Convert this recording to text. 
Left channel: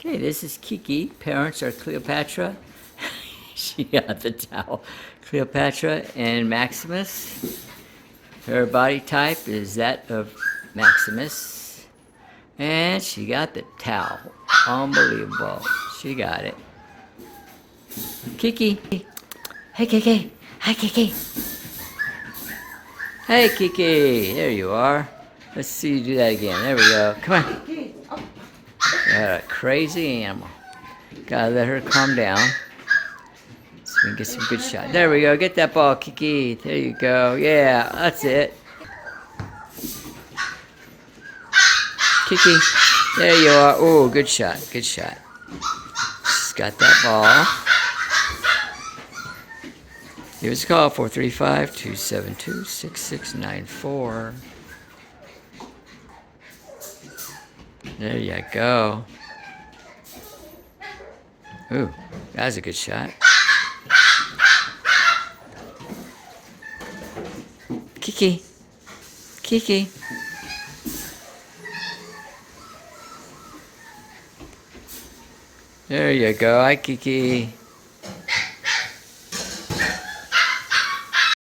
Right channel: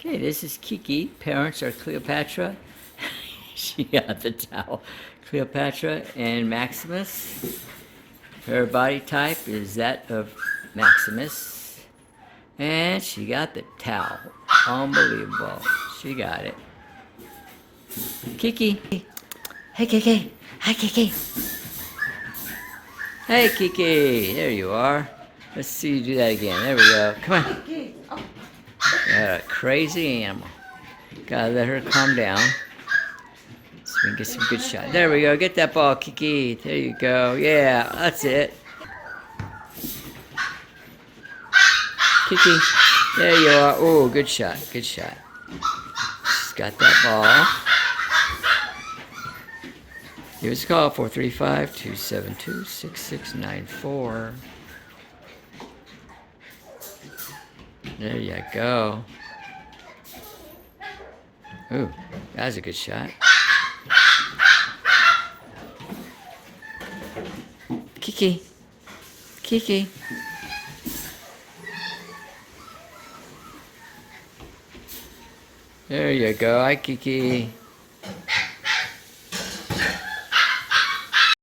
Okay, this is Kiki. Parents are Cleopatra. She got the towel. Cleopatra and Maximus. Her body type is that of Maximus. And she got the towel. Unbelievable. She got it. Kiki. Hey, Kiki. Hi, Kiki. Hey, Kiki. There you are. Let's see you do that again. There we go. Come on. Got a crazy animal. Gotta let her calm down. So we can get some good shots. There we go. Get that ball, Kiki. There you go. Yeah, that's it. Kiki. There you are. Oh, good shot. Good shot. She's got that ball. Give us a call, 435-272-6694. There you go. Ooh, that was a good shot. Kiki. Kiki. There you go. Hi, Kiki.